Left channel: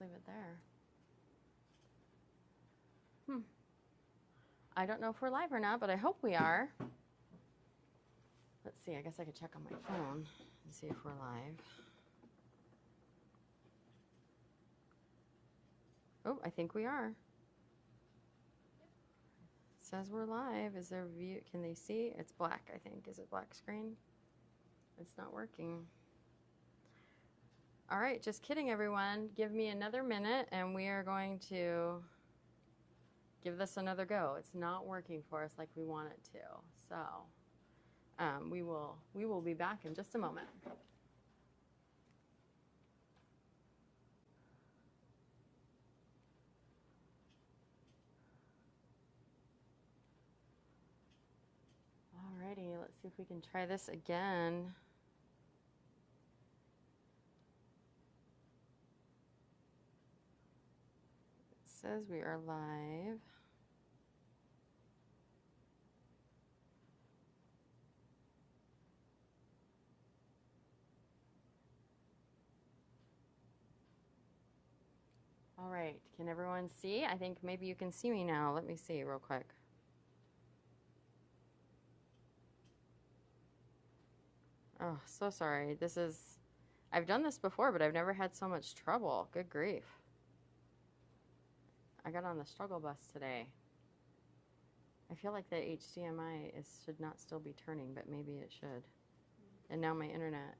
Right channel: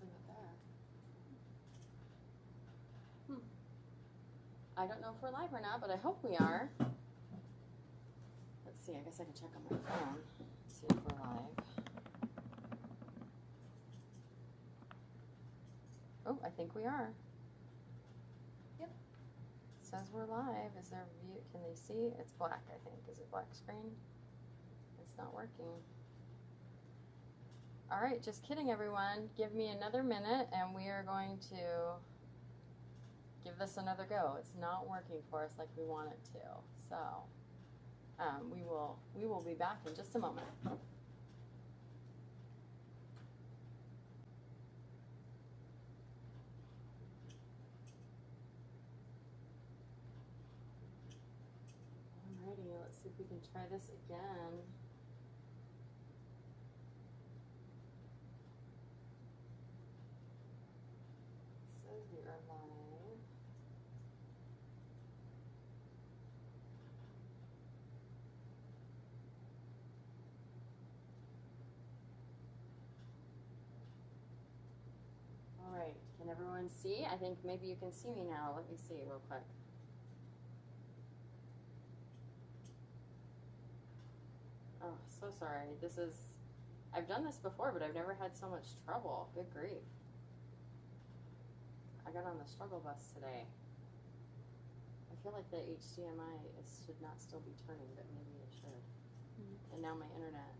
just leave it there. I don't know if we're live or not, but I hope we are. Let's see, I guess I could check on my phone, see if we're live. Oh, I think we are. Yep. It says we're live. Is there a view? Can they see? It's black, I think. Is it black screen? It's not working. All right, just kidding, everyone. Give me another minute, and we are going to give this another go. It's not working for us like we want it to. So we will be back in just a moment. Alrighty, let's see if we can try this again. It says we are live. All right, can everyone see? I think maybe you can see me now. Let me see real quick. Oh, so sorry. I've done this before, but I've never had so much trouble. Good grief. I got on the struggle bus today. I feel like the HDMI should not still be turning, but maybe it should. And now my internet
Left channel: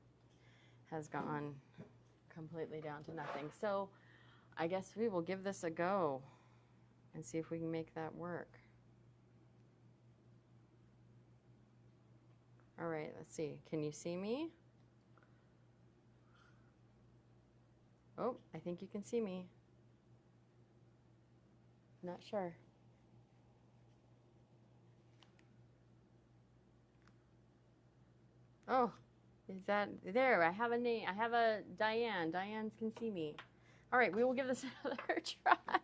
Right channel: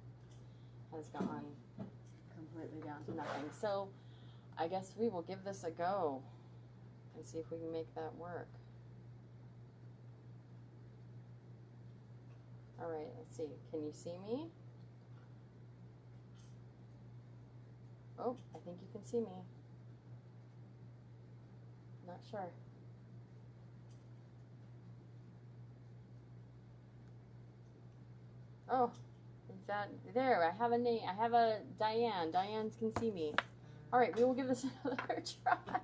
has gone completely down to nothing. So I guess we will give this a go and see if we can make that work. All right, let's see. Can you see me? Oh, I think you can see me. Not sure. Oh, is that there? I have a name. I have a Diane. Diane can see me. All right, we will give this another try.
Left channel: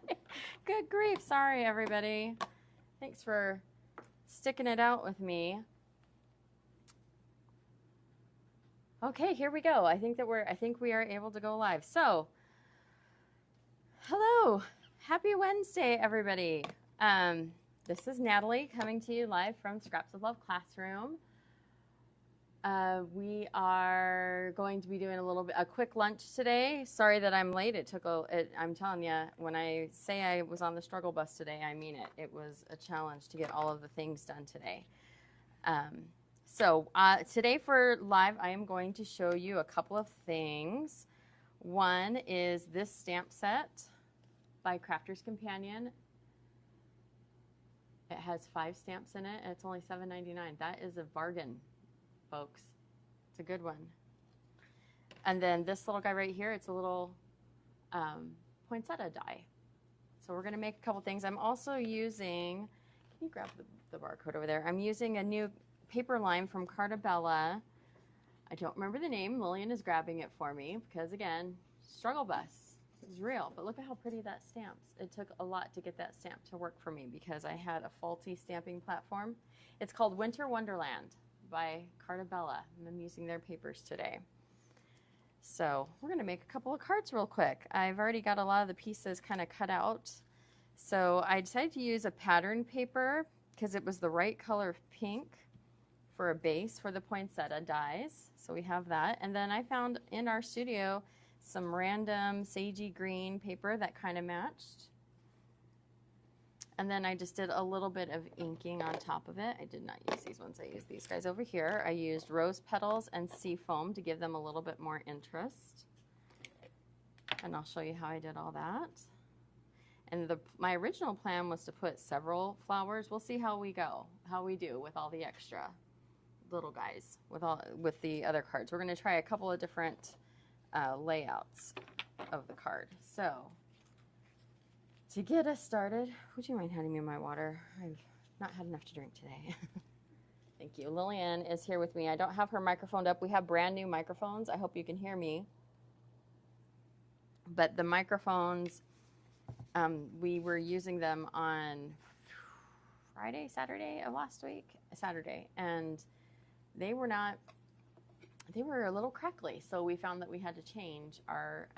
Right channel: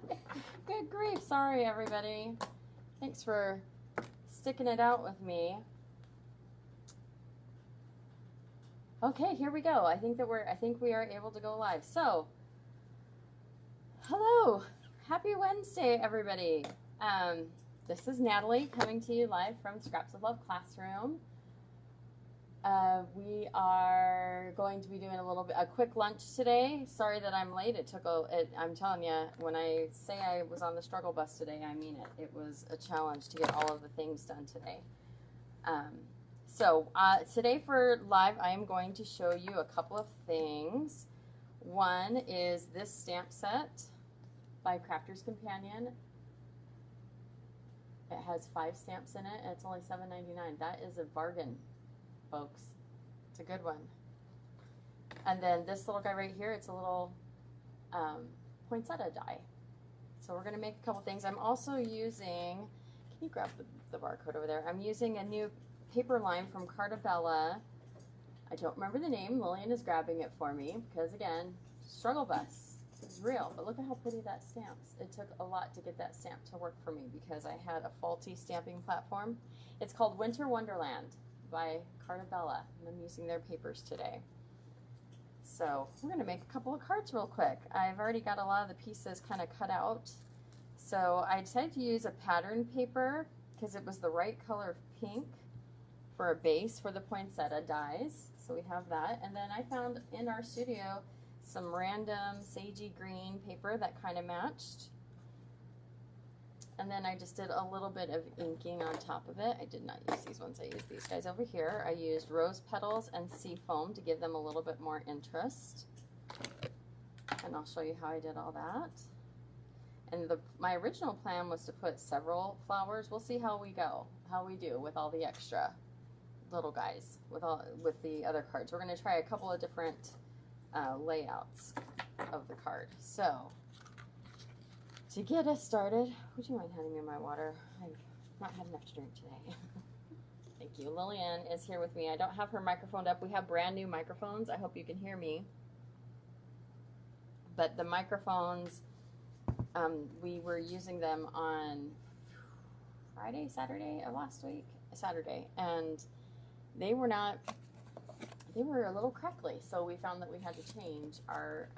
Good grief. Sorry, everybody. Thanks for sticking it out with me. Okay, here we go. I think we are able to go live. So, hello. Happy Wednesday, everybody. This is Natalie coming to you live from Scraps of Love Classroom. We are going to be doing a quick lunch today. Sorry that I'm late. I'm telling you, when I say I was on the struggle bus today, I mean it. It was a challenge to get all of the things done today. So today for live, I am going to show you a couple of things. One is this stamp set by Crafter's Companion. It has 5 stamps in it, and it's only $7.99. That is a bargain, folks. It's a good one. And then this little guy right here, it's a little poinsettia die. So we're going to make a couple things. I'm also using, can you grab the barcode over there? I'm using a new paper line from Cartabella. I don't remember the name. Lillian is grabbing it for me because, again, struggle bus is real. But look at how pretty that stamps. It took a lot to get that stamp to work for me because I had a faulty stamping platform. It's called Winter Wonderland by Cartabella, and I'm using their papers today. So we're going to make a couple of cards real quick. I've already got a lot of the pieces kind of cut out. So I decided to use a pattern paper because it was the right color of pink for a base for the poinsettia dies. So we have that. And then I found in our studio some random sagey green paper that kind of matched. And then I just did a little bit of inking on top of it. I did not use these ones. I used these guys over here. I used rose petals and sea foam to give them a little bit more interest. And I'll show you how I did all that. And my original plan was to put several flowers. We'll see how we do with all the extra little guys with the other cards. We're going to try a couple of different layouts of the card. So to get us started, would you mind handing me my water? I've not had enough to drink today. Thank you. Lillian is here with me. I don't have her microphone up. We have brand new microphones. I hope you can hear me. But the microphones, we were using them on Saturday of last week, and they were a little crackly, so we found that we had to change our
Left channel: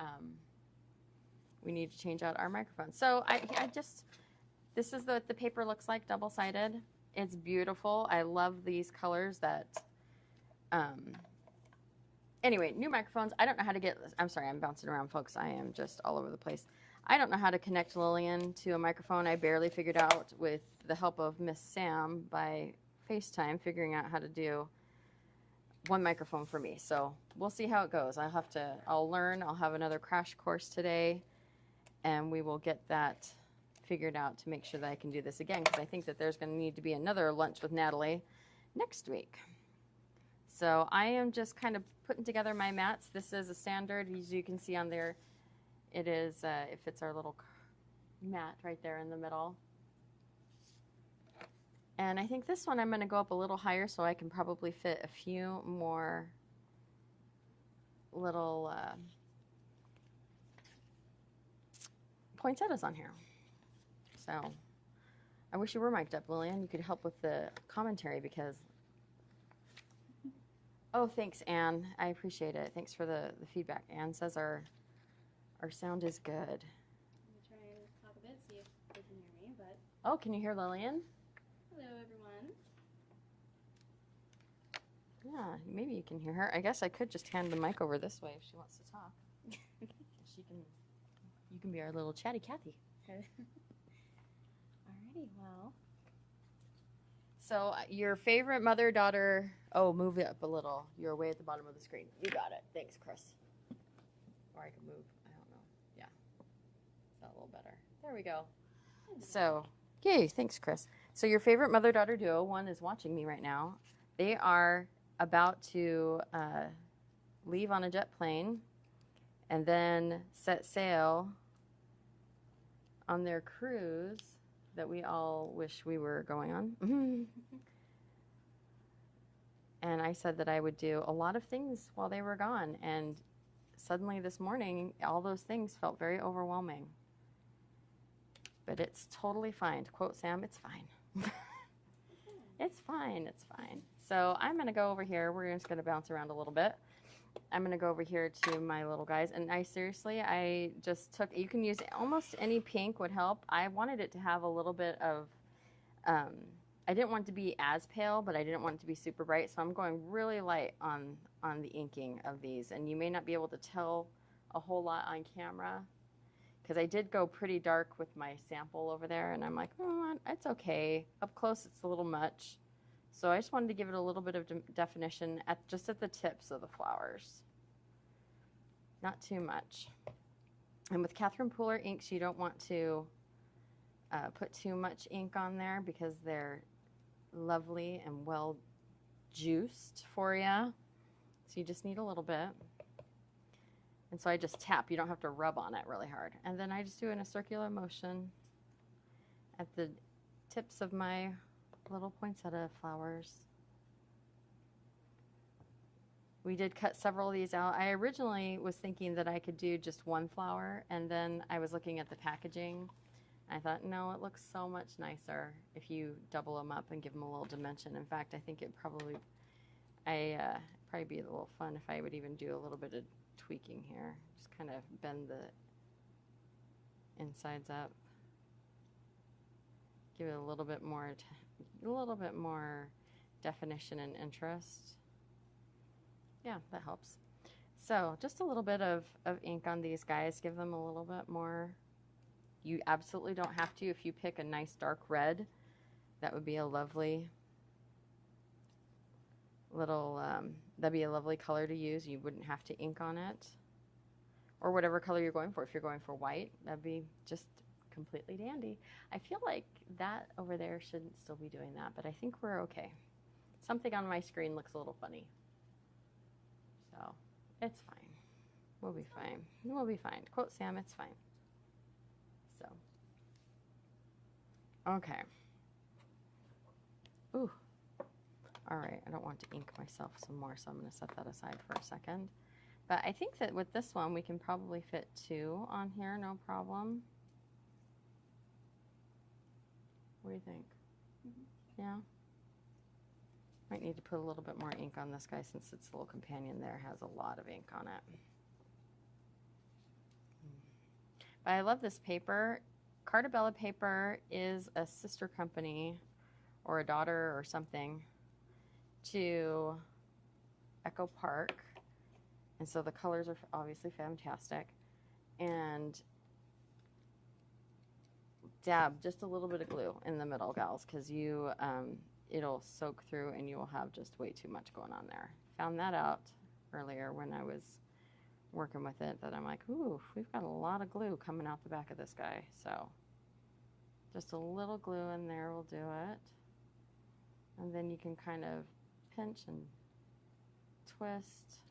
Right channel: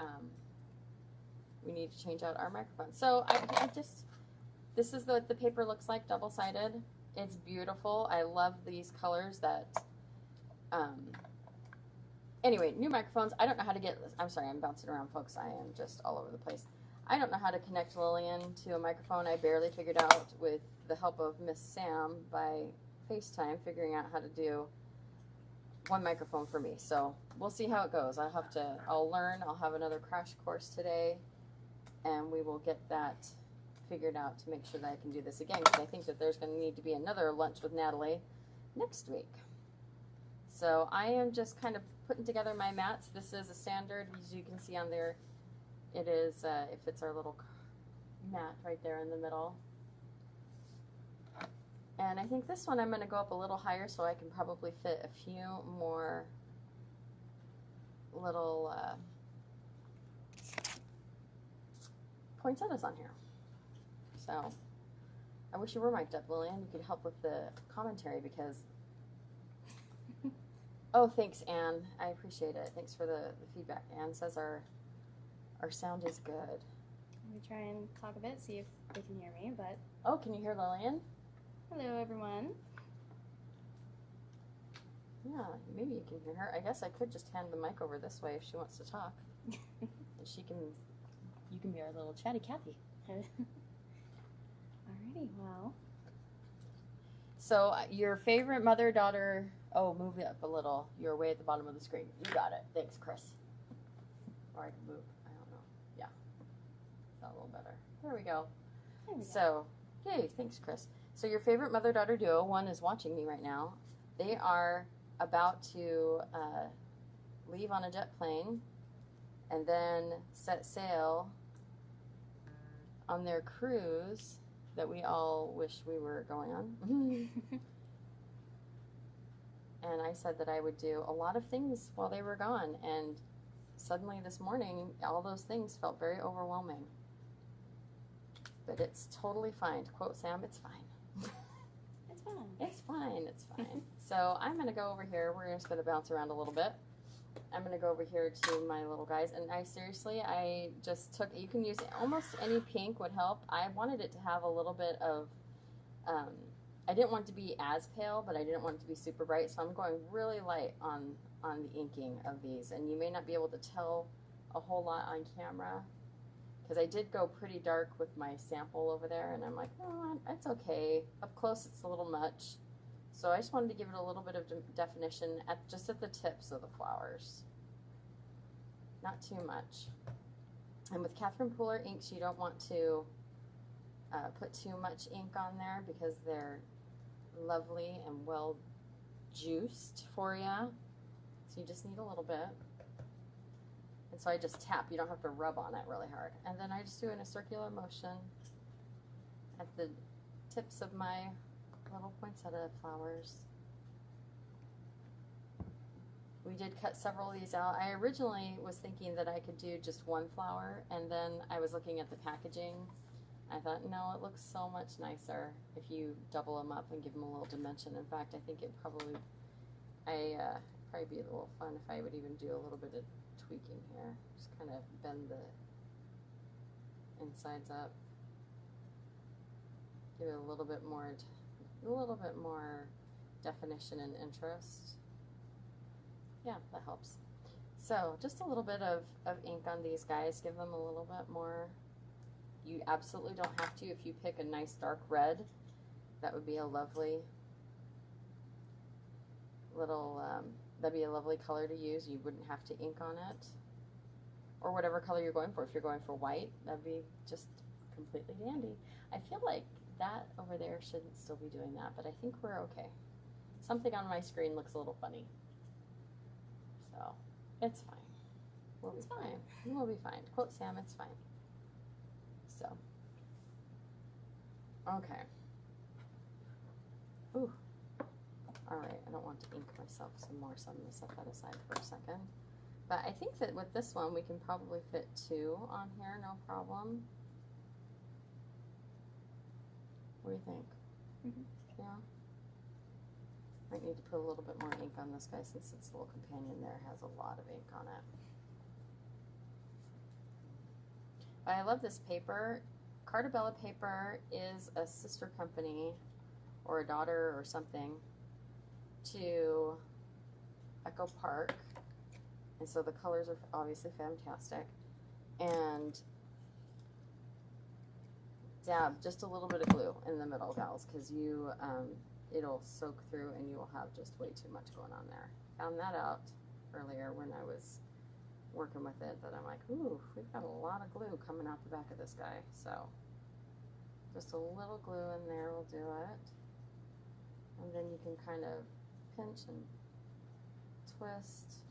we need to change out our microphone. So I just, this is what the paper looks like, double-sided. It's beautiful. I love these colors that, anyway, new microphones. I don't know how to get, I'm sorry, I'm bouncing around, folks. I am just all over the place. I don't know how to connect Lillian to a microphone. I barely figured out with the help of Miss Sam by FaceTime, figuring out how to do one microphone for me. So we'll see how it goes. I'll learn. I'll have another crash course today, and we will get that figured out to make sure that I can do this again, because I think that there's going to need to be another lunch with Natalie next week. So I am just kind of putting together my mats. This is a standard, as you can see on there. It is, it fits our little mat right there in the middle. And I think this one I'm going to go up a little higher so I can probably fit a few more little poinsettias on here. So I wish you were mic'd up, Lillian. You could help with the commentary because... Oh, thanks, Anne. I appreciate it. Thanks for the feedback. Anne says our sound is good. Let me try and talk a bit, see if they can hear me, but... Oh, can you hear Lillian? Hello, everyone. Yeah, maybe you can hear her. I guess I could just hand the mic over this way if she wants to talk. You can be our little chatty Cathy. Alrighty, well. So your favorite mother-daughter, oh, move it up a little. You're way at the bottom of the screen. You got it. Thanks, Chris. Or I can move, I don't know. Yeah, it's not a little better. There we go. So, yay, thanks, Chris. So your favorite mother-daughter duo, one is watching me right now. They are about to leave on a jet plane and then set sail on their cruise that we all wish we were going on. And I said that I would do a lot of things while they were gone, and suddenly this morning, all those things felt very overwhelming. But it's totally fine. To quote Sam, it's fine. It's fine. It's fine, it's fine. So I'm gonna go over here. We're just gonna bounce around a little bit. I'm gonna go over here to my little guys, and I just took, you can use almost any pink would help. I wanted it to have a little bit of, I didn't want it to be as pale, but I didn't want it to be super bright, so I'm going really light on the inking of these, and you may not be able to tell a whole lot on camera, because I did go pretty dark with my sample over there, and I'm like, oh, it's okay. Up close, it's a little much. So I just wanted to give it a little bit of definition just at the tips of the flowers. Not too much. And with Catherine Pooler inks, you don't want to put too much ink on there because they're lovely and well juiced for you. So you just need a little bit. And so I just tap. You don't have to rub on it really hard. And then I just do in a circular motion at the tips of my little poinsettia flowers. We did cut several of these out. I originally was thinking that I could do just one flower, and then I was looking at the packaging. I thought, no, it looks so much nicer if you double them up and give them a little dimension. In fact, I think it'd probably be a little fun if I would even do a little bit of tweaking here. Just kind of bend the insides up. Give it a little bit more definition and interest. Yeah, that helps. So just a little bit of ink on these guys. Give them a little bit more. You absolutely don't have to. If you pick a nice dark red, that would be a lovely little, that'd be a lovely color to use. You wouldn't have to ink on it. Or whatever color you're going for. If you're going for white, that'd be just completely dandy. I feel like that over there shouldn't still be doing that, but I think we're okay. Something on my screen looks a little funny. So, it's fine. We'll be fine. We'll be fine. To quote Sam, it's fine. So, okay. Ooh. All right, I don't want to ink myself some more, so I'm going to set that aside for a second. But I think that with this one, we can probably fit 2 on here, no problem. What do you think? Mm-hmm. Yeah? Might need to put a little bit more ink on this guy since its little companion there has a lot of ink on it. I love this paper. Cartabella paper is a sister company or a daughter or something to Echo Park. And so the colors are obviously fantastic. And dab just a little bit of glue in the middle, gals, because you it'll soak through and you will have just way too much going on there. Found that out earlier when I was working with it, that I'm like, ooh, we've got a lot of glue coming out the back of this guy. So just a little glue in there will do it. And then you can kind of pinch and twist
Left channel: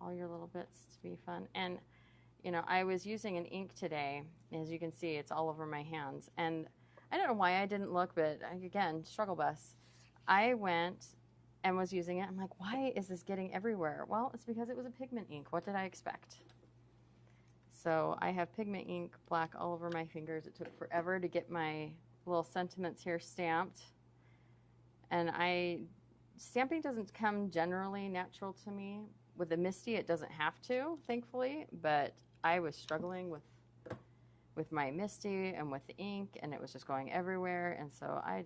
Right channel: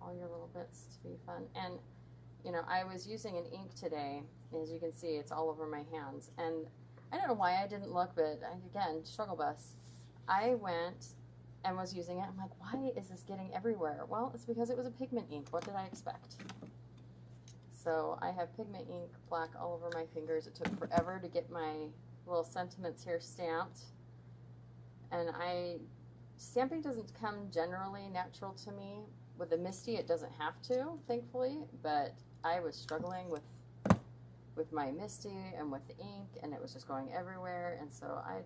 all your little bits to be fun. And you know, I was using an ink today. As you can see, it's all over my hands. And I don't know why I didn't look, but again, struggle bus. I went and was using it. I'm like, why is this getting everywhere? Well, it's because it was a pigment ink. What did I expect? So I have pigment ink black all over my fingers. It took forever to get my little sentiments here stamped. And stamping doesn't come generally natural to me. With the Misty, it doesn't have to, thankfully, but I was struggling with my Misty and with the ink, and it was just going everywhere, and so I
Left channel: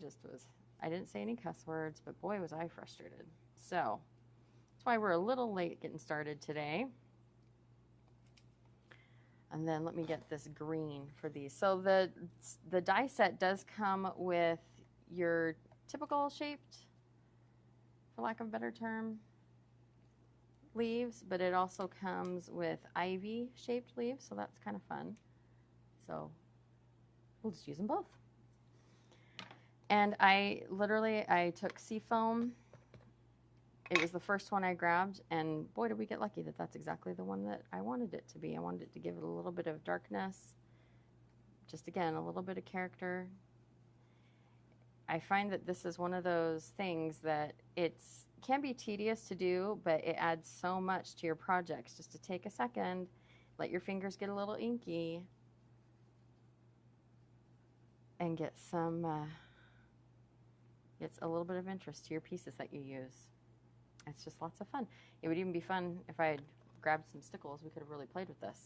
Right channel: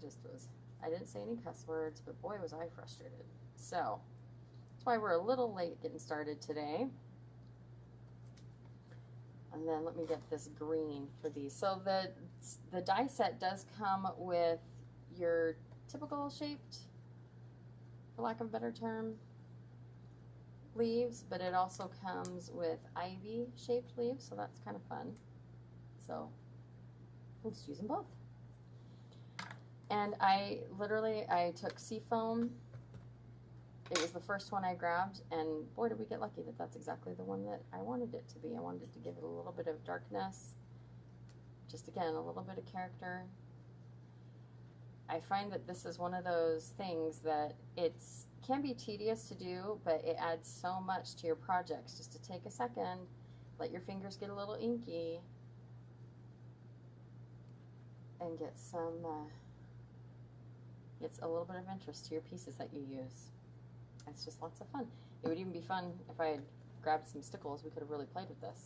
didn't say any cuss words, but boy was I frustrated. So that's why we're a little late getting started today. And then let me get this green for these. So the die set does come with your typical shaped, for lack of a better term, leaves, but it also comes with ivy shaped leaves, so that's kind of fun. So we'll just use them both. And I took Seafoam. It was the first one I grabbed, and boy, did we get lucky that that's exactly the one that I wanted it to be. I wanted it to give it a little bit of darkness, just again, a little bit of character. I find that this is one of those things that can be tedious to do, but it adds so much to your projects. Just to take a second, let your fingers get a little inky, and get it's a little bit of interest to your pieces that you use. It's just lots of fun. It would even be fun if I had grabbed some stickles. We could have really played with this.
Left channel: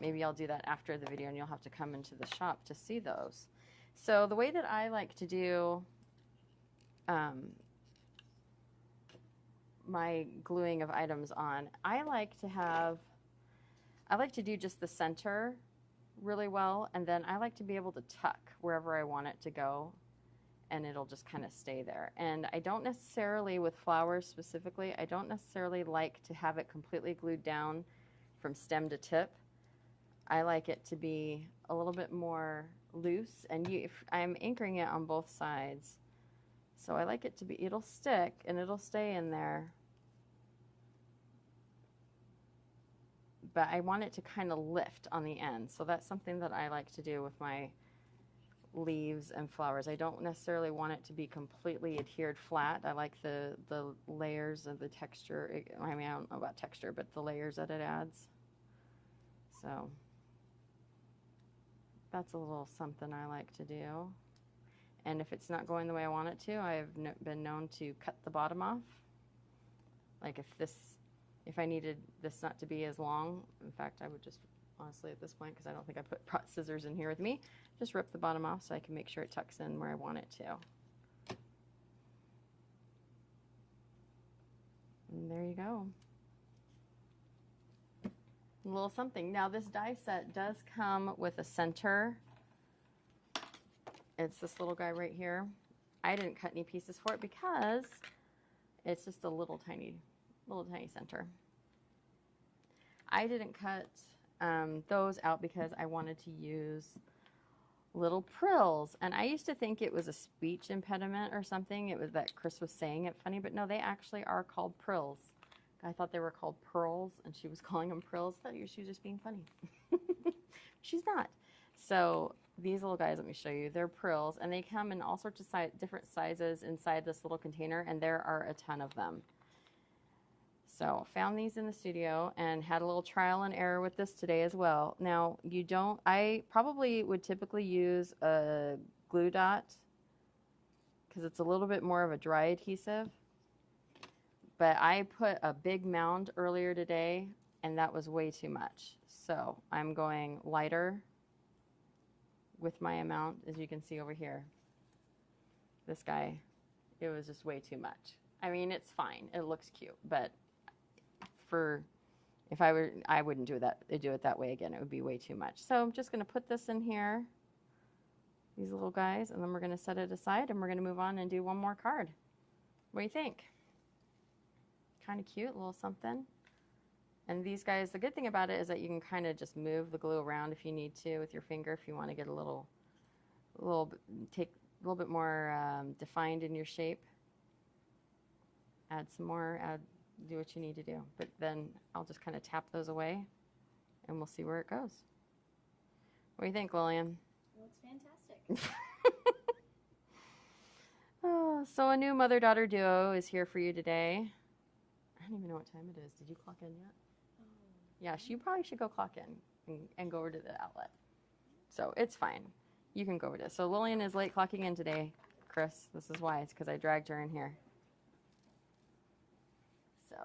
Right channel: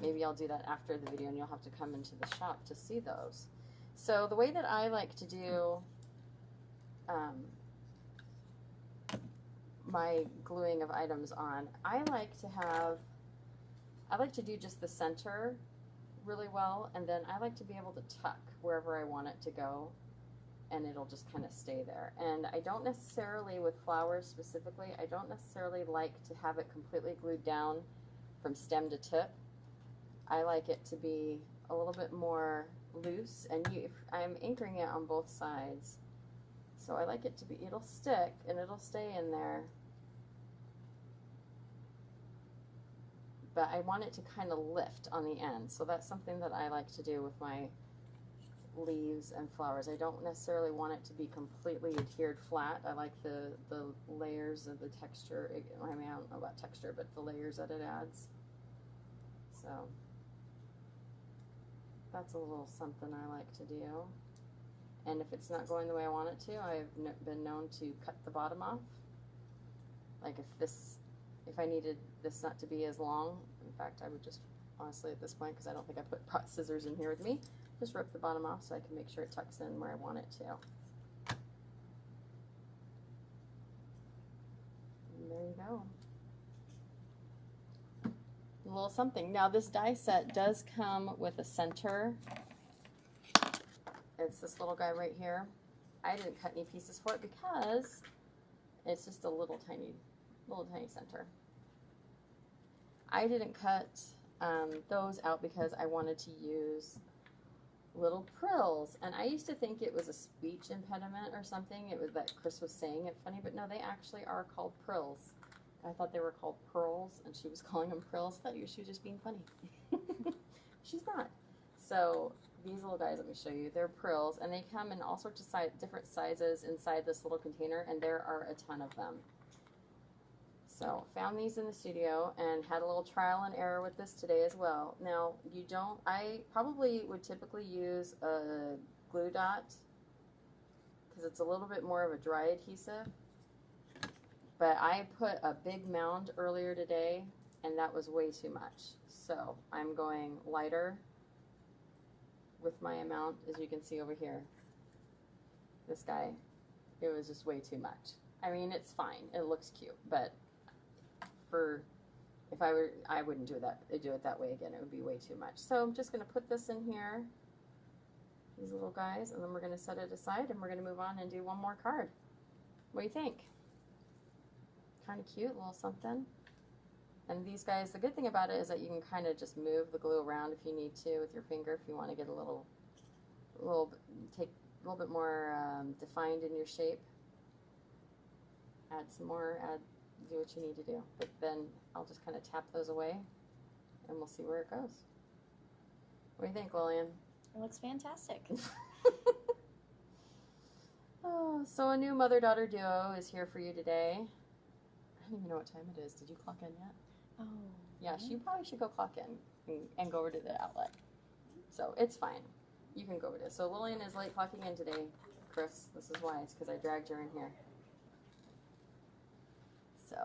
Maybe I'll do that after the video, and you'll have to come into the shop to see those. So the way that I like to do my gluing of items on, I like to do just the center really well, and then I like to be able to tuck wherever I want it to go, and it'll just kind of stay there. And I don't necessarily, with flowers specifically, I don't necessarily like to have it completely glued down from stem to tip. I like it to be a little bit more loose, and I'm anchoring it on both sides, so I like it to be, it'll stick and it'll stay in there, but I want it to kind of lift on the end. So that's something that I like to do with my leaves and flowers. I don't necessarily want it to be completely adhered flat. I like the layers of the texture. I mean, I don't know about texture, but the layers that it adds. So that's a little something I like to do. And if it's not going the way I want it to, I've been known to cut the bottom off. Like if I needed this not to be as long, in fact, I would just, honestly at this point, because I don't think I brought scissors in here with me, just rip the bottom off so I can make sure it tucks in where I want it to. And there you go. A little something. Now this die set does come with a center. It's this little guy right here. I didn't cut any pieces for it because it's just a little tiny center. I didn't cut those out because I wanted to use little prills, and I used to think it was a speech impediment or something. It was that Chris was saying it funny, but no, they actually are called prills. I thought they were called pearls, and she was calling them prills. I thought she was just being funny. She's not. So these little guys, let me show you, they're prills, and they come in all sorts of different sizes inside this little container, and there are a ton of them. So found these in the studio and had a little trial and error with this today as well. Now I probably would typically use a glue dot because it's a little bit more of a dry adhesive, but I put a big mound earlier today and that was way too much. So I'm going lighter with my amount, as you can see over here. This guy, it was just way too much. I mean, it's fine. It looks cute, but if I were, I wouldn't do it that way again. It would be way too much. So I'm just going to put this in here, these little guys, and then we're going to set it aside, and we're going to move on and do one more card. What do you think? Kind of cute, a little something. And these guys, the good thing about it is that you can kind of just move the glue around if you need to with your finger, if you want to get a little bit more defined in your shape. Add some more, do what you need to do. But then I'll just kind of tap those away, and we'll see where it goes. What do you think, Lillian? It looks fantastic. Oh, so a new mother-daughter duo is here for you today. I don't even know what time it is. Did you clock in yet? Oh. Yeah, you probably should go clock in and go over to the outlet. So it's fine. You can go over to it. So Lillian is late clocking in today, Chris. This is why. It's because I dragged her in here. So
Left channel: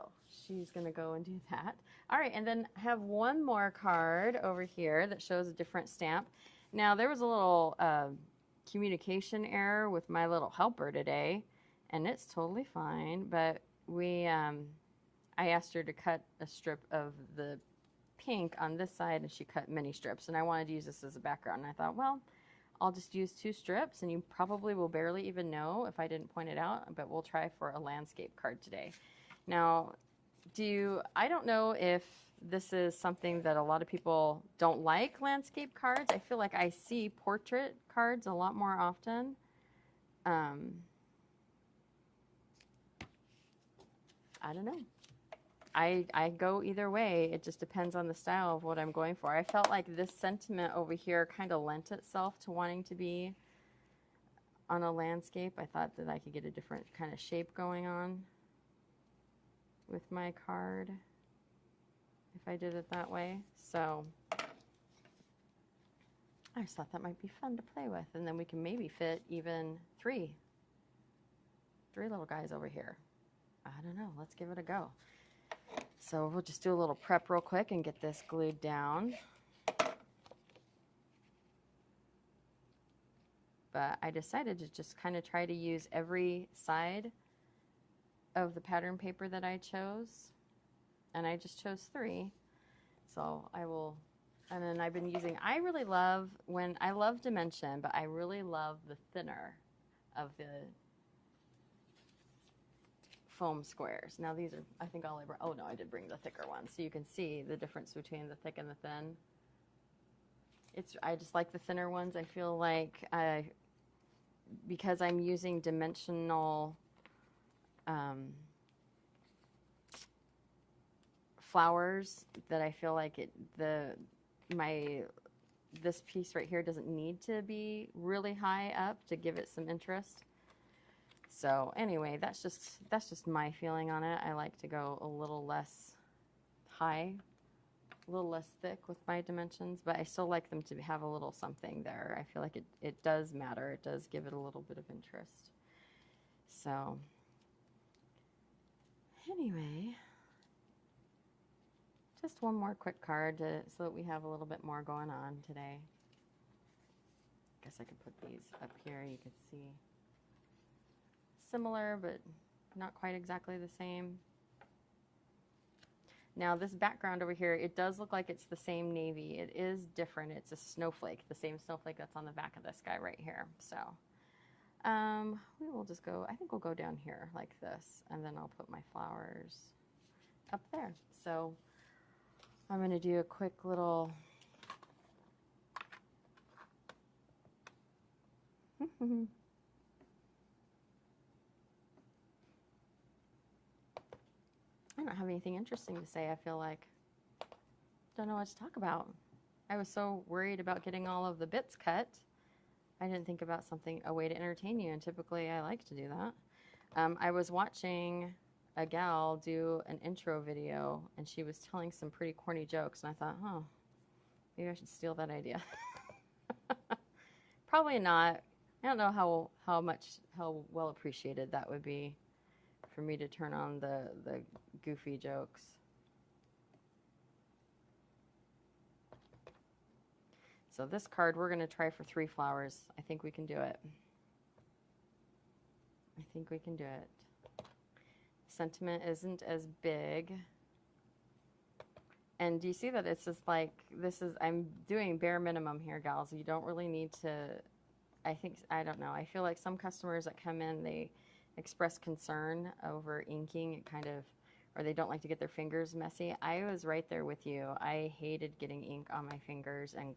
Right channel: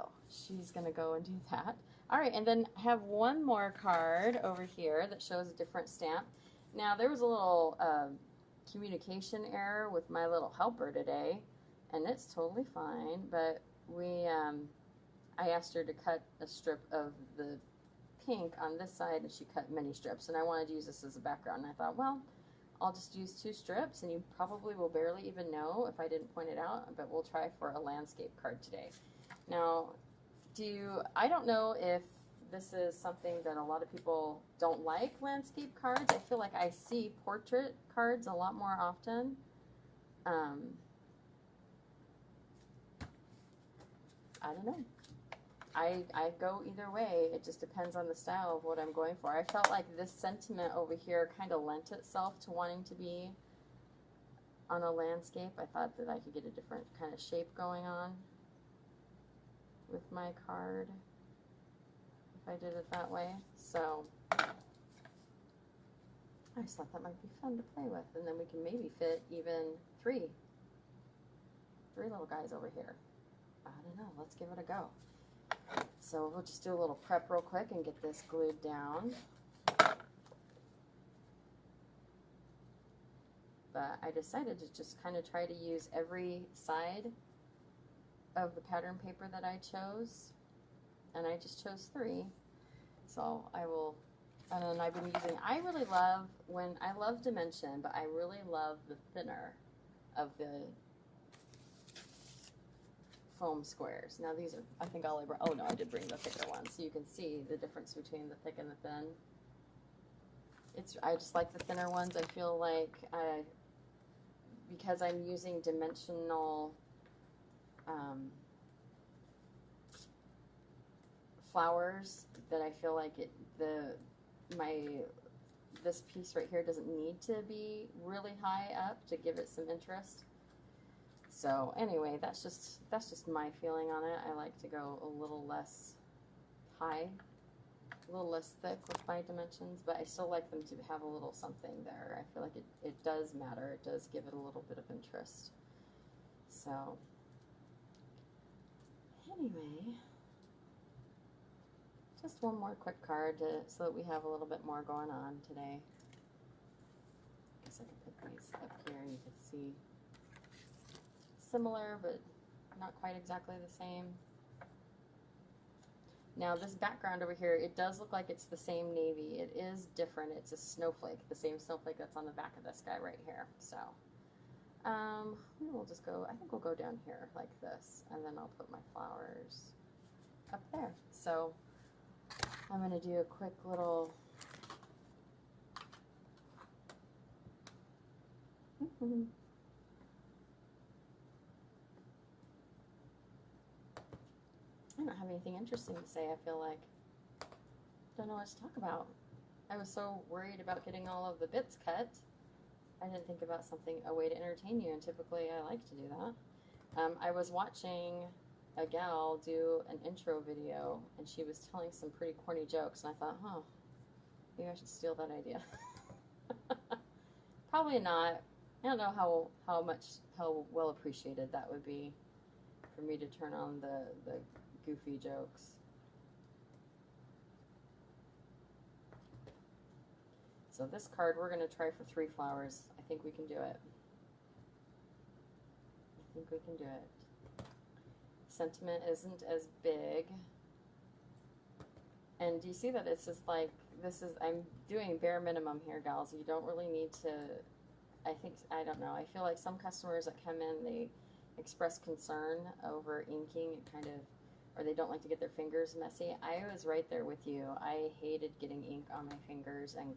she's going to go and do that. All right, and then have one more card over here that shows a different stamp. Now, there was a little communication error with my little helper today, and it's totally fine, but I asked her to cut a strip of the pink on this side, and she cut many strips, and I wanted to use this as a background, and I thought, well, I'll just use 2 strips, and you probably will barely even know if I didn't point it out, but we'll try for a landscape card today. Now, I don't know if this is something that a lot of people don't like, landscape cards. I feel like I see portrait cards a lot more often. I don't know. I go either way. It just depends on the style of what I'm going for. I felt like this sentiment over here kind of lent itself to wanting to be on a landscape. I thought that I could get a different kind of shape going on with my card if I did it that way. So I just thought that might be fun to play with, and then we can maybe fit even three little guys over here. I don't know. Let's give it a go. So we'll just do a little prep real quick and get this glued down. But I decided to just kind of try to use every side of the pattern paper that I chose. And I just chose 3. So I will, and then I've been using, I love dimension, but I really love the thinner of the foam squares. Now these are, I think I'll, oh no, I did bring the thicker ones, so you can see the difference between the thick and the thin. I just like the thinner ones. I feel like because I'm using dimensional flowers, that I feel like this piece right here doesn't need to be really high up to give it some interest. So anyway, that's just my feeling on it. I like to go a little less high, a little less thick with my dimensions, but I still like them to have a little something there. I feel like it does matter. It does give it a little bit of interest. So anyway, just one more quick card so that we have a little bit more going on today. I guess I could put these up here. You can see similar, but not quite exactly the same. Now this background over here, it does look like it's the same navy. It is different. It's a snowflake, the same snowflake that's on the back of this guy right here. So we'll just go, I think we'll go down here like this, and then I'll put my flowers up there. So I'm going to do a quick little I don't have anything interesting to say. I feel like don't know what to talk about. I was so worried about getting all of the bits cut. I didn't think about a way to entertain you, and typically I like to do that. I was watching a gal do an intro video, and she was telling some pretty corny jokes, and I thought, maybe I should steal that idea. Probably not. I don't know how well appreciated that would be for me to turn on the goofy jokes. So this card, we're going to try for 3 flowers. I think we can do it. I think we can do it. Sentiment isn't as big. And do you see that it's just like, I'm doing bare minimum here, gals. You don't really need to, I don't know. I feel like some customers that come in, they express concern over inking. It kind of, or they don't like to get their fingers messy. I was right there with you. I hated getting ink on my fingers and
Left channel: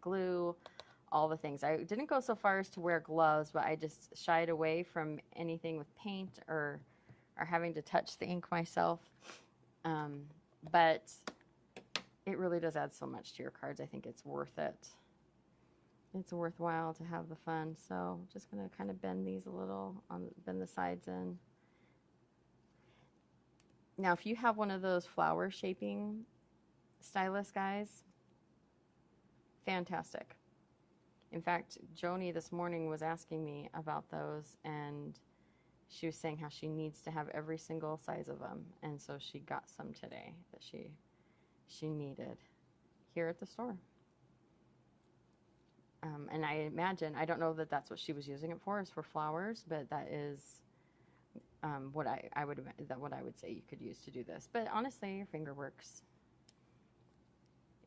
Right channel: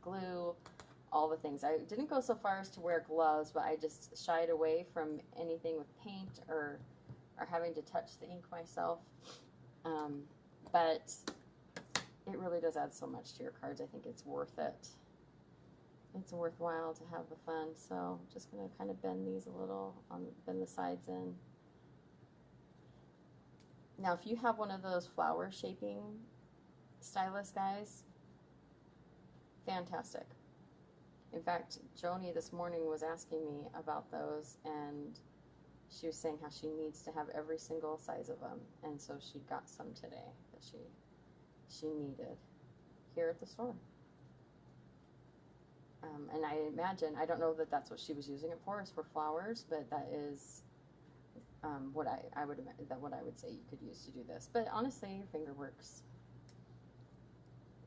glue, all the things. I didn't go so far as to wear gloves, but I just shied away from anything with paint or having to touch the ink myself. But it really does add so much to your cards. I think it's worth it. It's worthwhile to have the fun. So I'm just going to kind of bend these a little, bend the sides in. Now, if you have one of those flower shaping stylus, guys, fantastic. In fact, Joni this morning was asking me about those, and she was saying how she needs to have every single size of them, and so she got some today that she needed here at the store. And I imagine, I don't know that that's what she was using it for, is for flowers, but that is what I would say you could use to do this. But honestly, your finger works.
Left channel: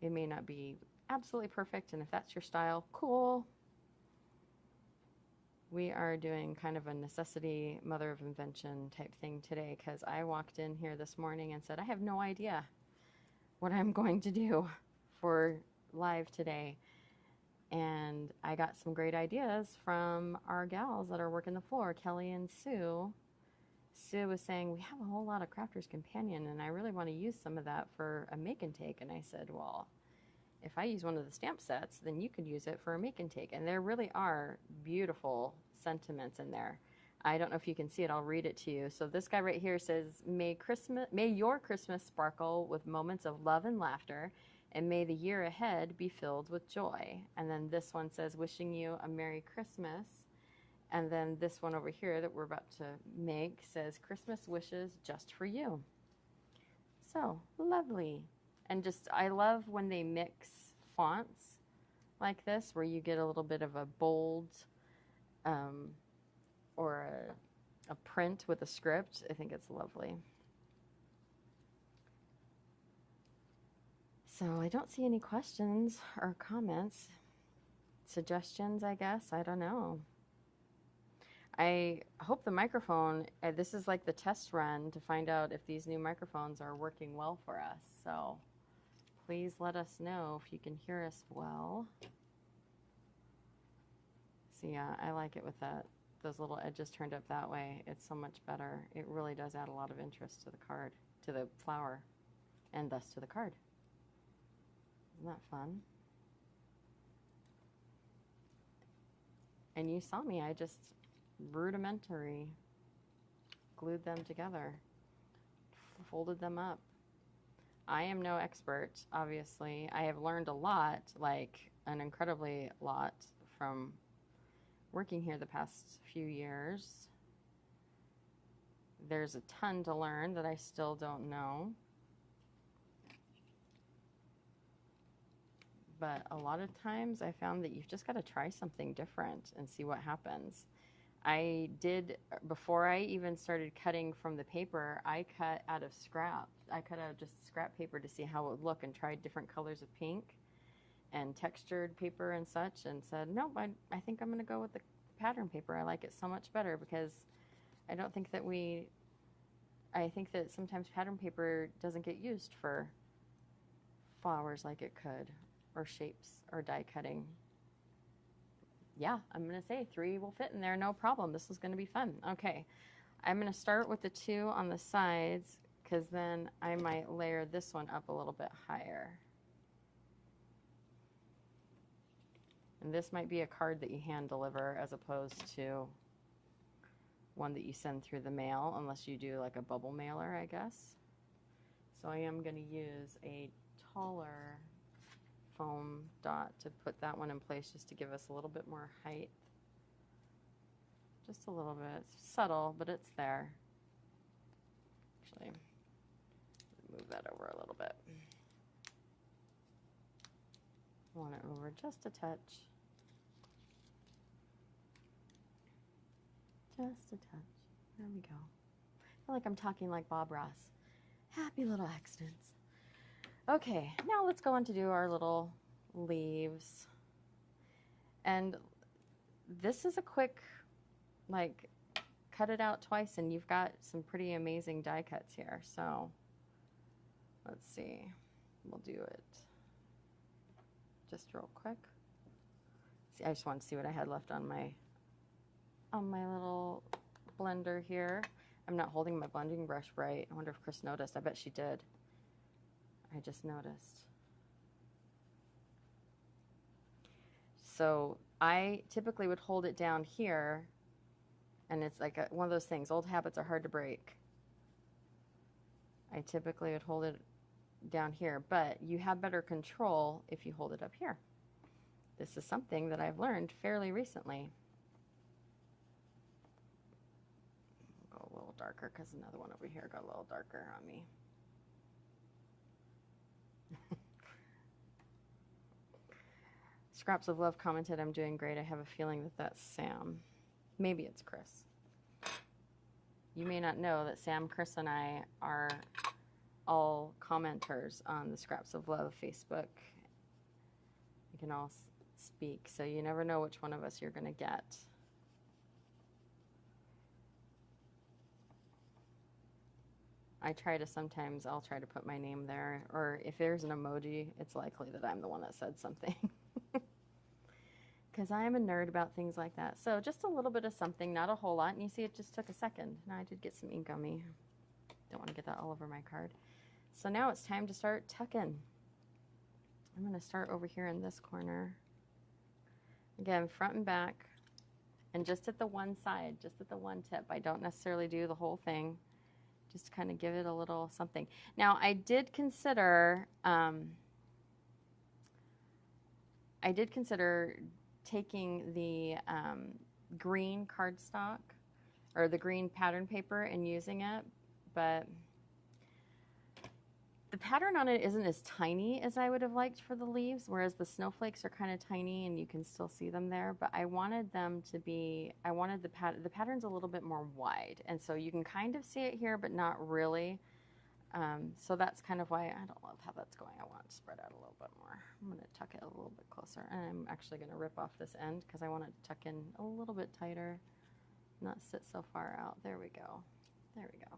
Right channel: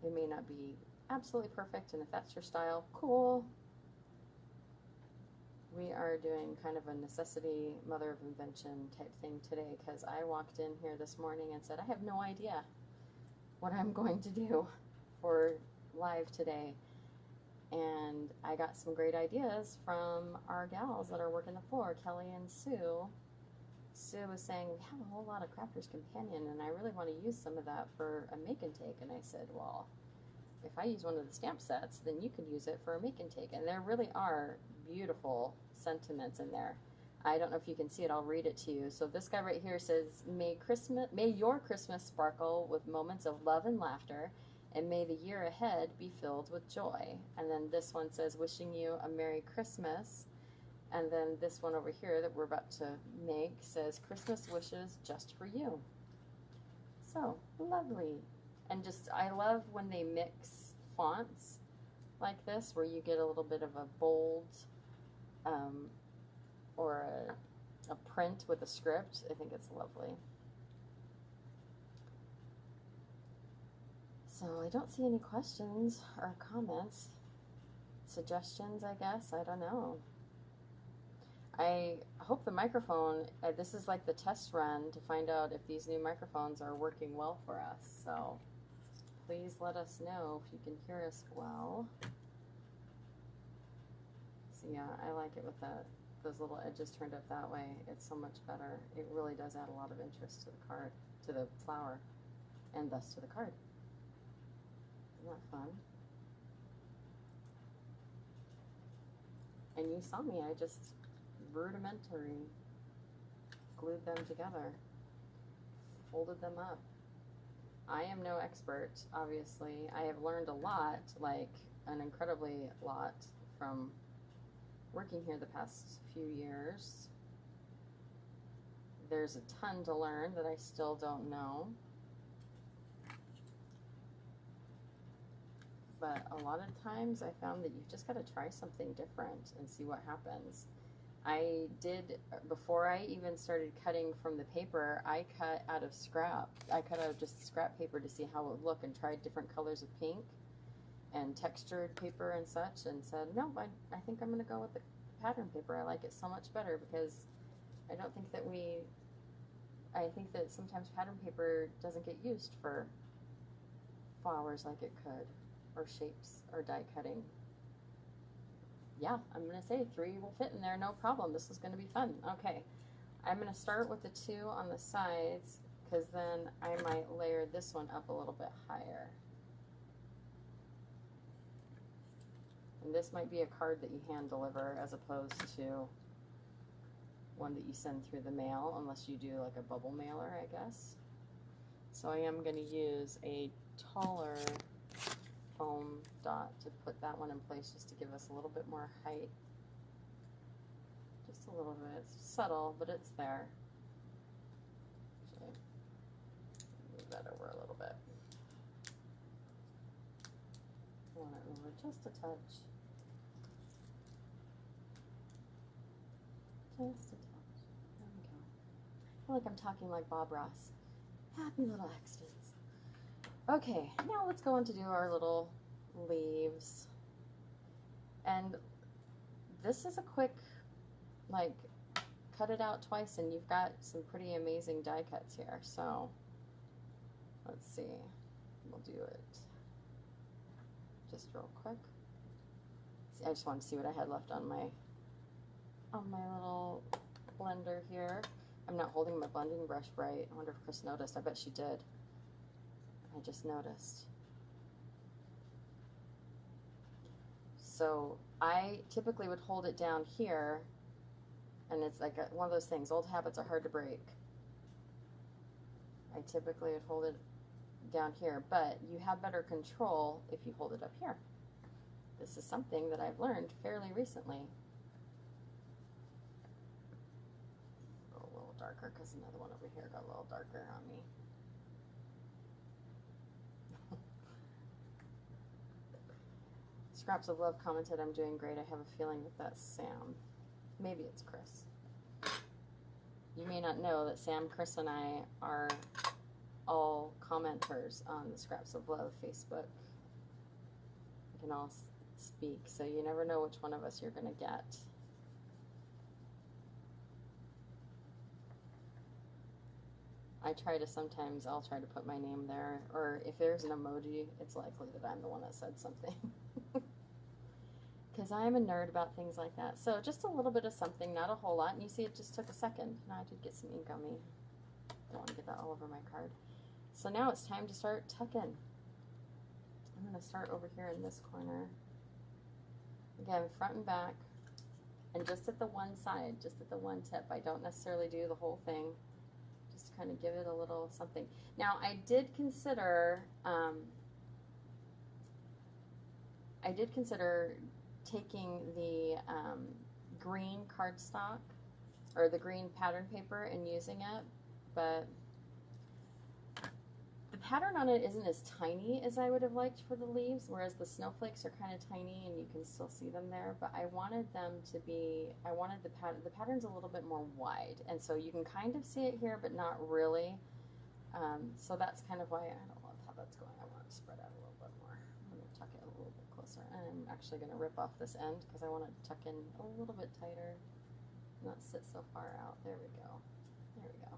It may not be absolutely perfect, and if that's your style, cool. We are doing kind of a necessity, mother of invention type thing today, because I walked in here this morning and said, I have no idea what I'm going to do for live today. And I got some great ideas from our gals that are working the floor, Kelly and Sue. Sue was saying, we have a whole lot of Crafter's Companion, and I really want to use some of that for a make and take. And I said, well, if I use one of the stamp sets, then you could use it for a make and take. And there really are beautiful sentiments in there. I don't know if you can see it. I'll read it to you. So this guy right here says, may your Christmas sparkle with moments of love and laughter, and may the year ahead be filled with joy. And then this one says, wishing you a Merry Christmas. And then this one over here that we're about to make says, Christmas wishes just for you. So lovely. And just, I love when they mix fonts like this, where you get a little bit of a bold or a print with a script. I think it's lovely. So I don't see any questions or comments. Suggestions, I guess. I don't know. I hope the microphone, this is like the test run to find out if these new microphones are working well for us. So please let us know if you can hear us well. So yeah, I like it with those little edges turned up that way. It's so much better. It really does add a lot of interest to the card, to the flower, and thus to the card. Isn't that fun? And you saw me, I just rudimentary glued them together, folded them up. I am no expert, obviously. I have learned a lot, like an incredibly lot, from working here the past few years. There's a ton to learn that I still don't know. But a lot of times I found that you've just got to try something different and see what happens. I did, before I even started cutting from the paper, I cut out of scrap. I cut out of just scrap paper to see how it would look and tried different colors of pink and textured paper and such, and said, no, I think I'm going to go with the pattern paper. I like it so much better because I don't think that I think that sometimes pattern paper doesn't get used for flowers like it could, or shapes, or die cutting. Yeah, I'm going to say 3 will fit in there, no problem. This is going to be fun. Okay, I'm going to start with the 2 on the sides, because then I might layer this one up a little bit higher. And this might be a card that you hand deliver as opposed to one that you send through the mail, unless you do like a bubble mailer, I guess. So I am going to use a taller foam dot to put that one in place, just to give us a little bit more height. Just a little bit. It's subtle, but it's there. Actually, move that over a little bit. I want it over Just a touch. Just a touch. There we go. I feel like I'm talking like Bob Ross. Happy little accidents. Okay, now let's go on to do our little leaves. And this is a quick, like, cut it out twice and you've got some pretty amazing die cuts here. So let's see, we'll do it just real quick. See, I just wanted to see what I had left on my little blender here. I'm not holding my blending brush right. I wonder if Chris noticed. I bet she did. I just noticed. So I typically would hold it down here, and it's like one of those things, old habits are hard to break. I typically would hold it down here, but you have better control if you hold it up here. This is something that I've learned fairly recently. Go a little darker because another one over here got a little darker on me. Scraps of Love commented, I'm doing great. I have a feeling that that's Sam. Maybe it's Chris. You may not know that Sam, Chris, and I are all commenters on the Scraps of Love Facebook. We can all speak, so you never know which one of us you're going to get. I try to sometimes, I'll try to put my name there, or if there's an emoji, it's likely that I'm the one that said something. Because I am a nerd about things like that. So just a little bit of something, not a whole lot. And you see it just took a second. Now I did get some ink on me. Don't want to get that all over my card. So now it's time to start tucking. I'm going to start over here in this corner. Again, front and back. And just at the one side, just at the one tip. I don't necessarily do the whole thing. Just kind of give it a little something. Now I did consider taking the green cardstock or the green pattern paper and using it, but the pattern on it isn't as tiny as I would have liked for the leaves, whereas the snowflakes are kind of tiny and you can still see them there, but I wanted them to be, the pattern's a little bit more wide, and so you can kind of see it here, but not really. So that's kind of why I don't love how that's going. I want it to spread out a little bit more. I'm going to tuck it a little bit closer, and I'm actually going to rip off this end because I want to tuck in a little bit tighter, not sit so far out. There we go. There we go.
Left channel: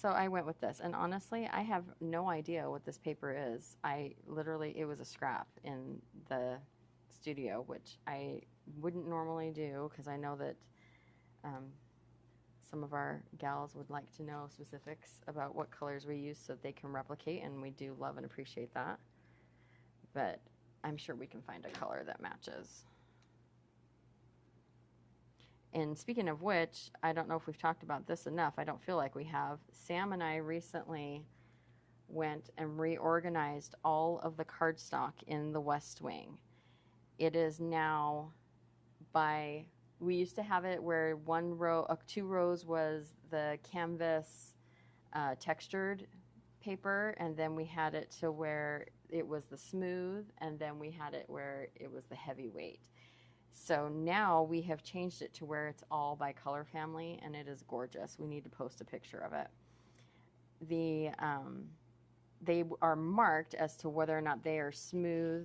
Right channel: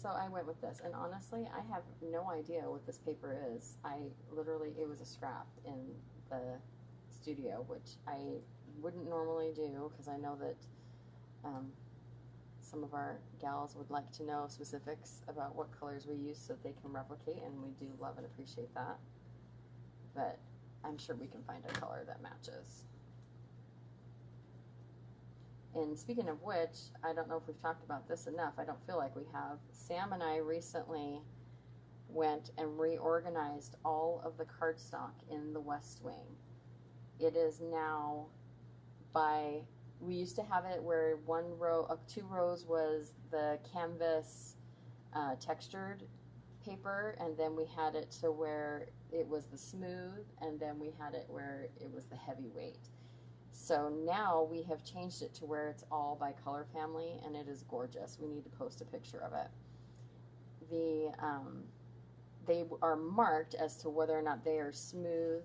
So I went with this, and honestly, I have no idea what this paper is. It was a scrap in the studio, which I wouldn't normally do because I know that some of our gals would like to know specifics about what colors we use so that they can replicate, and we do love and appreciate that. But I'm sure we can find a color that matches. And speaking of which, I don't know if we've talked about this enough. I don't feel like we have. Sam and I recently went and reorganized all of the cardstock in the West Wing. It is now we used to have it where two rows was the canvas textured paper, and then we had it to where it was the smooth, and then we had it where it was the heavyweight. So now we have changed it to where it's all by color family, and it is gorgeous. We need to post a picture of it. They are marked as to whether or not they are smooth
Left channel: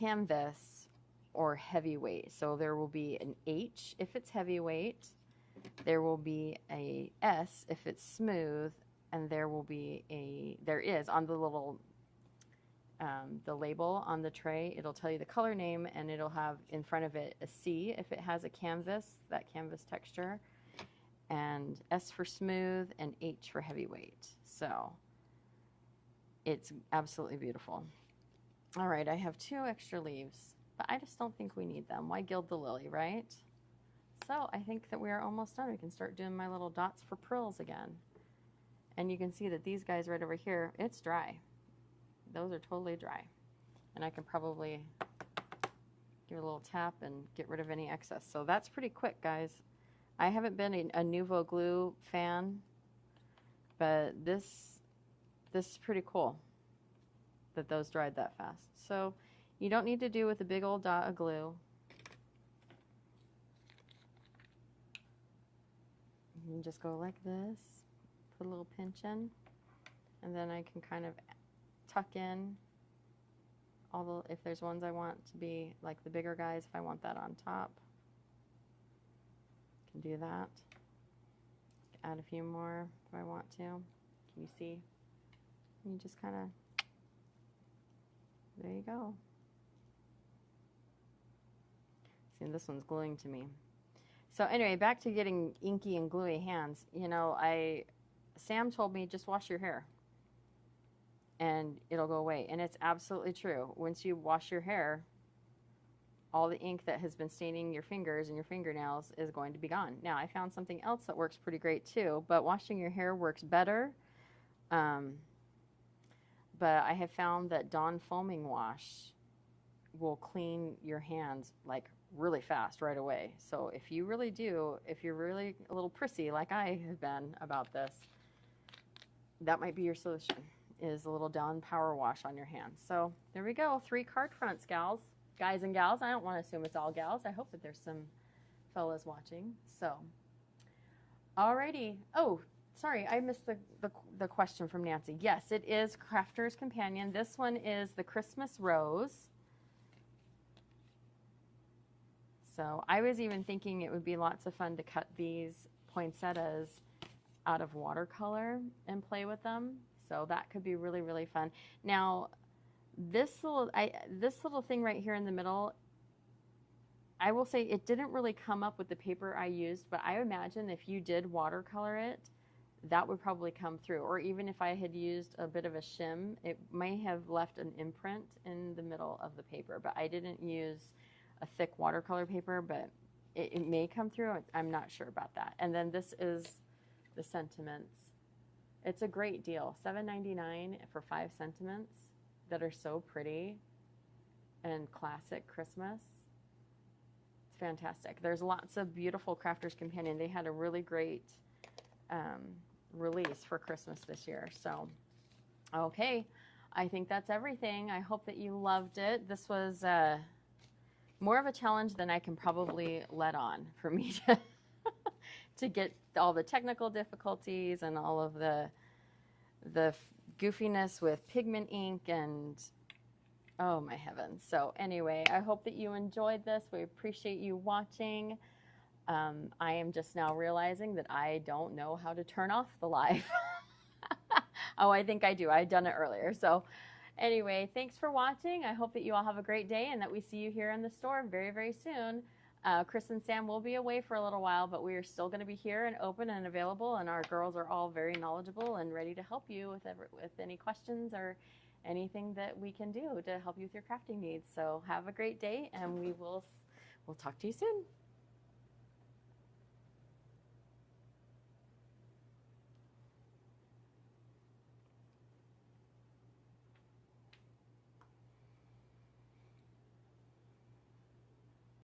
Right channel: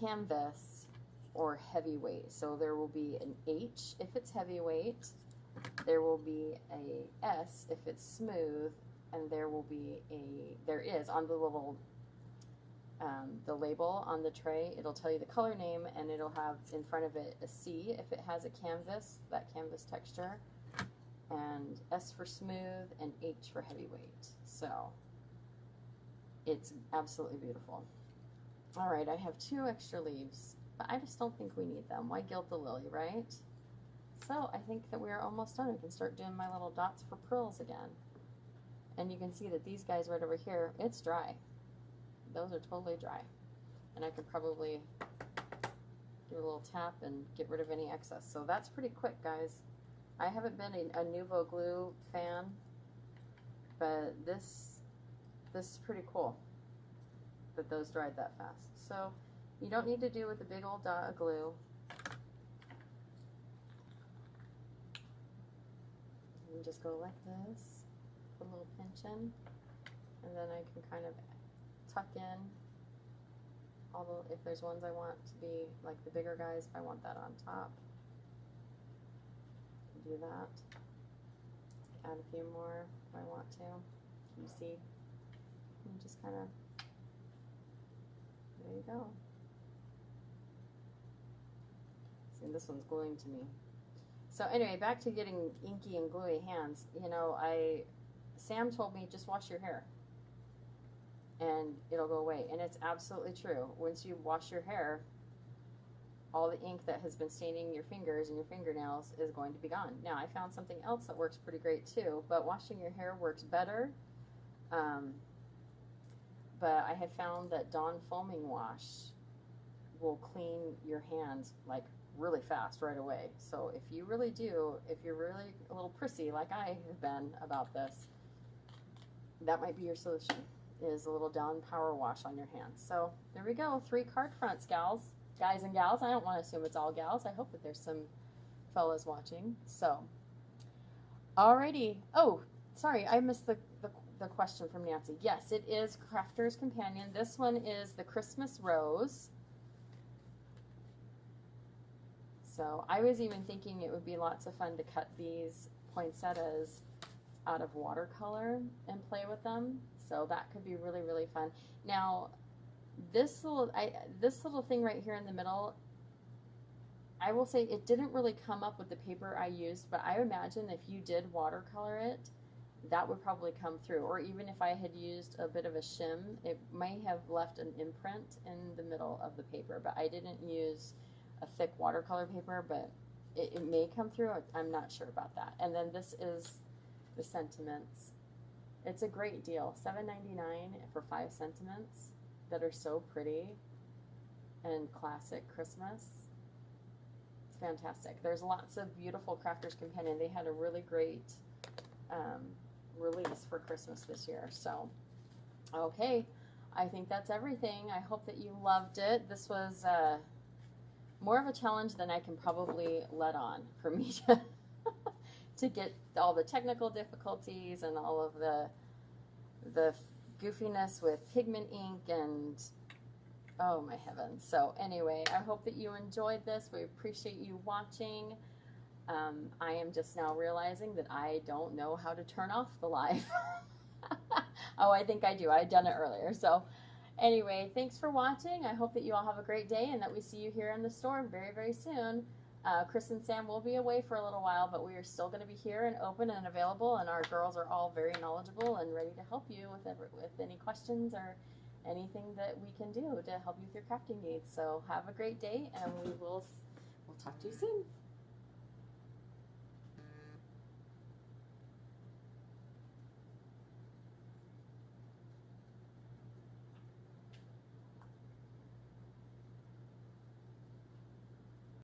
canvas or heavyweight. So there will be an H if it's heavyweight, there will be a S if it's smooth, and there is on the little the label on the tray, it'll tell you the color name, and it'll have in front of it a C if it has a canvas, that canvas texture, and S for smooth, and H for heavyweight. So it's absolutely beautiful. All right, I have 2 extra leaves, but I just don't think we need them. Why gild the lily, right? So I think that we are almost done. We can start doing my little dots for pearls again. And you can see that these guys right over here, it's dry. Those are totally dry. And I can probably give it a little tap and get rid of any excess. So that's pretty quick, guys. I haven't been a Nuvo Glue fan But this is pretty cool that those dried that fast. So you don't need to do with a big old dot of glue. You can just go like this, put a little pinch in, and then I can kind of tuck in all the, if there's ones I want to be like the bigger guys, if I want that on top, I can do that. Add a few more if I want to. Can you see? You just kind of, there you go. See, this one's gluing to me. So anyway, back to getting inky and gluey hands. You know, Sam told me just wash your hair and it'll go away. And it's absolutely true. Once you wash your hair, all the ink that has been staining your fingers and your fingernails is going to be gone. Now, I found something else that works pretty great too, but washing your hair works better. But I have found that Dawn foaming wash will clean your hands like really fast right away. So if you really do, if you're really a little prissy like I have been about this, that might be your solution, is a little Dawn power wash on your hands. So there we go, 3 card fronts, gals. Guys and gals, I don't want to assume it's all gals. I hope that there's some fellas watching. So, alrighty. Oh, sorry, I missed the question from Nancy. Yes, it is Crafter's Companion. This one is the Christmas Rose. So I was even thinking it would be lots of fun to cut these poinsettias out of watercolor and play with them. So that could be really, really fun. Now, this little thing right here in the middle, I will say it didn't really come up with the paper I used, but I imagine if you did watercolor it, that would probably come through. Or even if I had used a bit of a shim, it may have left an imprint in the middle of the paper, but I didn't use a thick watercolor paper, but it may come through. I'm not sure about that. And then this is the sentiments. It's a great deal, $7.99 for 5 sentiments that are so pretty and classic Christmas. It's fantastic. There's lots of beautiful Crafter's Companion. They had a really great release for Christmas this year. So, okay, I think that's everything. I hope that you loved it. This was more of a challenge than I can probably let on for me to get all the technical difficulties and all of the goofiness with pigment ink and oh my heavens. So anyway, I hope that you enjoyed this. We appreciate you watching. I am just now realizing that I don't know how to turn off the live. Oh, I think I do. I'd done it earlier. So anyway, thanks for watching. I hope that you all have a great day and that we see you here in the store very, very soon. Chris and Sam will be away for a little while, but we are still going to be here and open and available, and our girls are all very knowledgeable and ready to help you with any questions or anything that we can do to help you with your crafting needs. So have a great day, and we'll talk to you soon.